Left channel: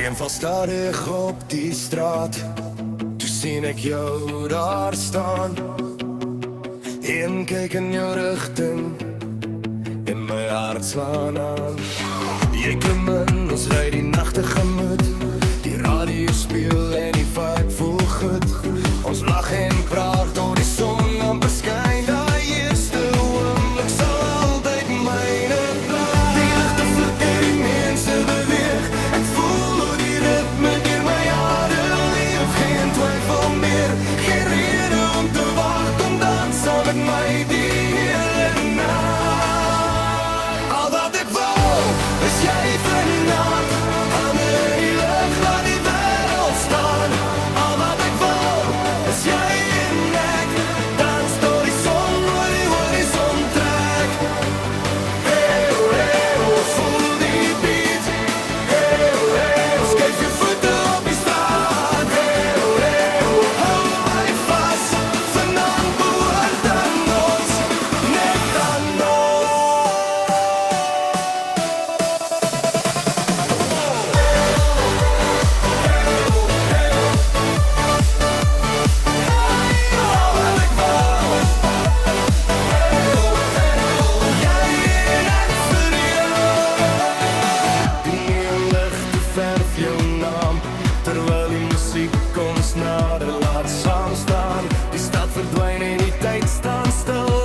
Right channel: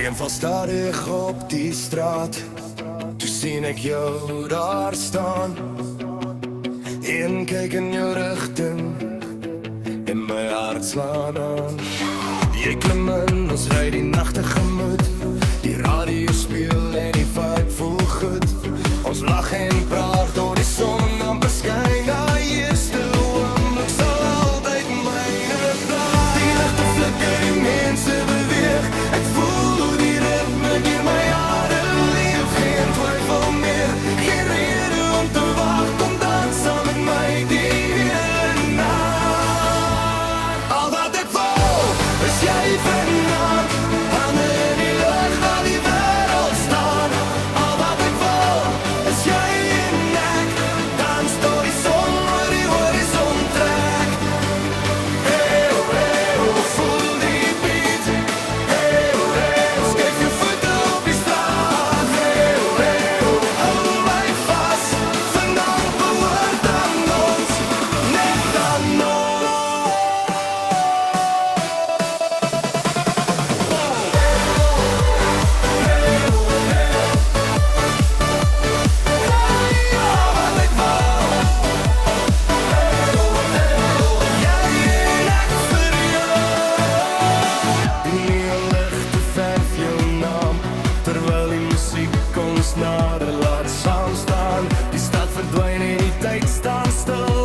reën val stadig op die straat. Toe sien ek jou daar staan. Een kyk in jou rigting en my hart slaan aan. Jy klim in, ons ry die nag tegemoet. Die radio speel en die vibe voel goed. Ons lag en praat tot die son amper skyn. Daai eerste oomblik sal altyd myne bly. Die ligte flikker, die mense beweeg. Ek voel hoe die ritme deur my hare leef. Geen twyfel meer, geen rede om te wag. Kom dans saam met my die hele nag. Al wat ek wou, is jy vanaand. Hande in die lug, laat die wêreld staan. Al wat ek wou, is jy en ek. Dans tot die son oor die horizon trek. Hey oh, voel die beat. Hey oh, skuif jou voete op die straat. Hey oh, hou my vas. Vanaand behoort aan ons, net aan terwyl die musiek ons nader laat saam staan. Die stad verdwyn en die tyd staan stil.